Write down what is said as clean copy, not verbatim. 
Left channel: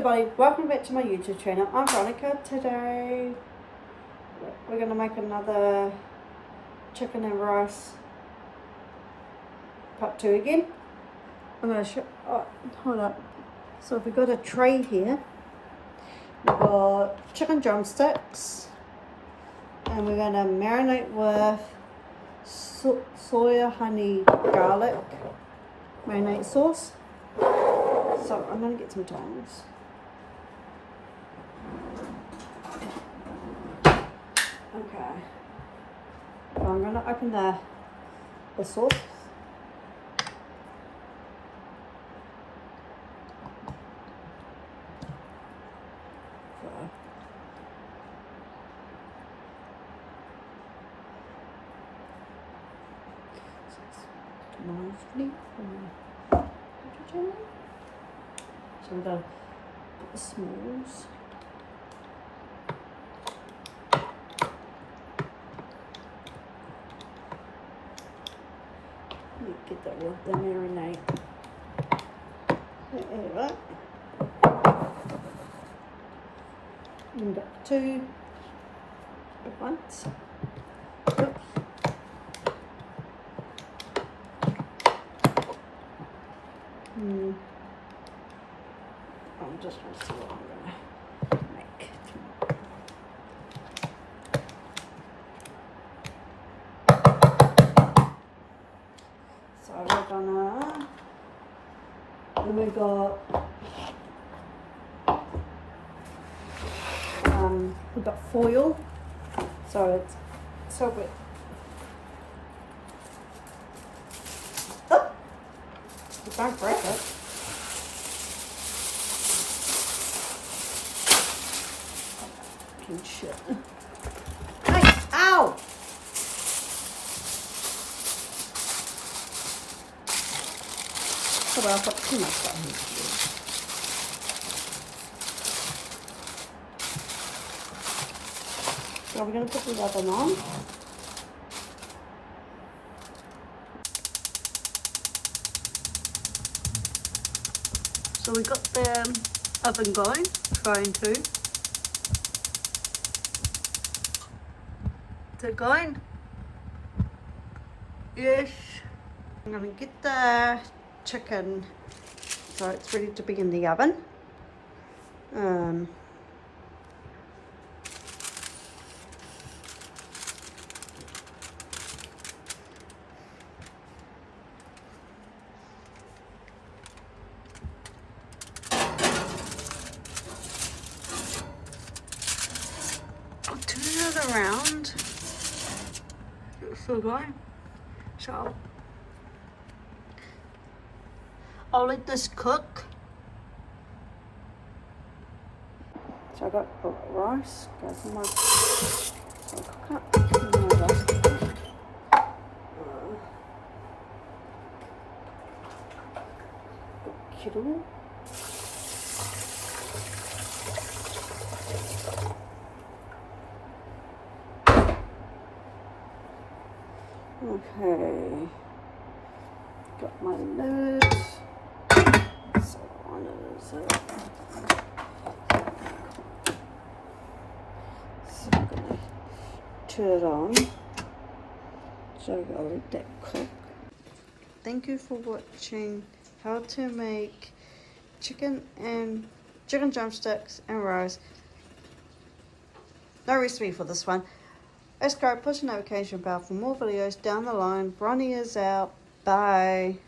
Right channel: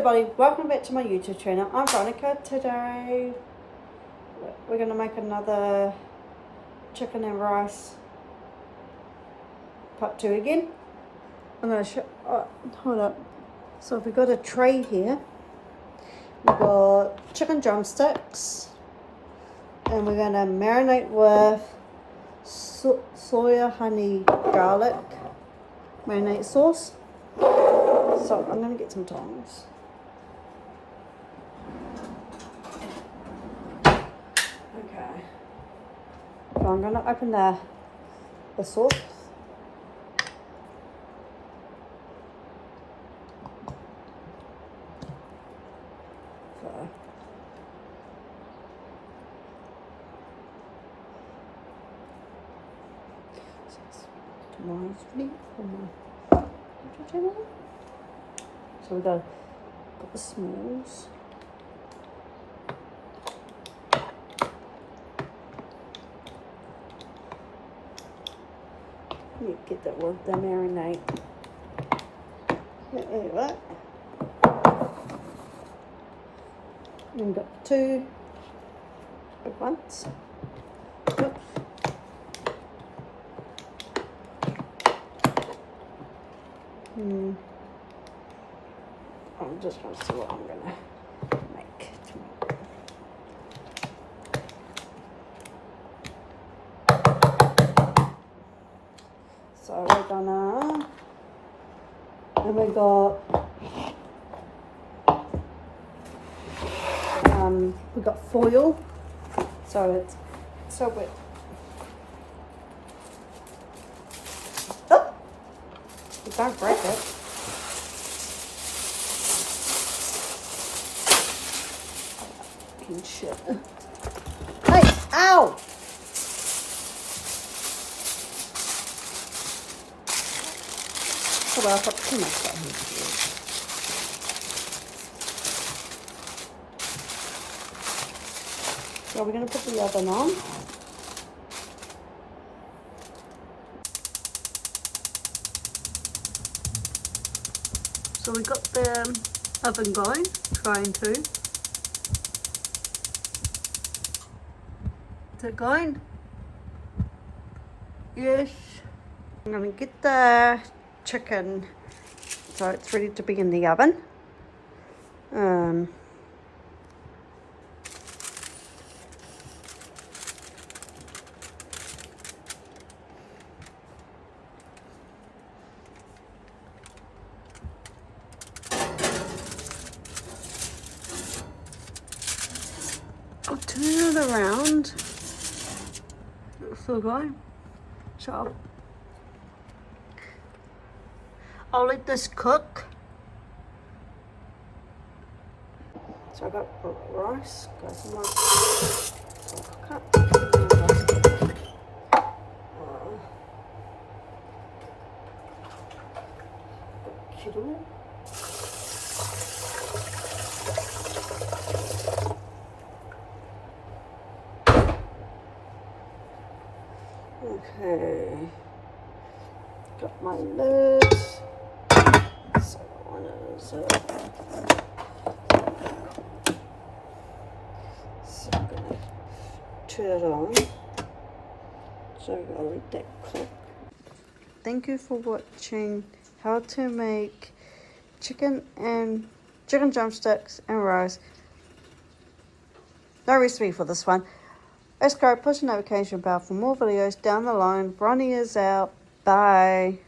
everybody, welcome back to my YouTube channel. I'm Veronica. Today we're going to make another chicken and rice part 2 again. I'm going to show, hold up. So we've got a tray here. We've got chicken drumsticks and we're going to marinate with soya honey garlic marinade sauce. So I'm going to get some tongs. Okay. So I'm going to open the sauce. Reminds me from my YouTube channel. So we've got to put the smalls. Get that well done, marinate. There you go. And we've got 2 big ones. Oops. I'm just going to see what I'm going to make. So we're gonna, and we got foil, so it's so wet. Oh, don't break it. Shit. Hey, ow! Hold on, I've got too much stuff here. So we're going to put the oven on. So we got the oven going, trying to. Is it going? Yes. I'm going to get the chicken so it's ready to be in the oven. I'll turn it around. Still going. So I'll let this cook. So I got rice, got some more cook up. Kettle. Okay, got my lid. So on is so I'm gonna turn it on. So I'll let that cook. Thank you for watching how to make chicken drumsticks and rice. No recipe for this one. Let's go push the notification bell for more videos down the line. Bronnie is out. Bye.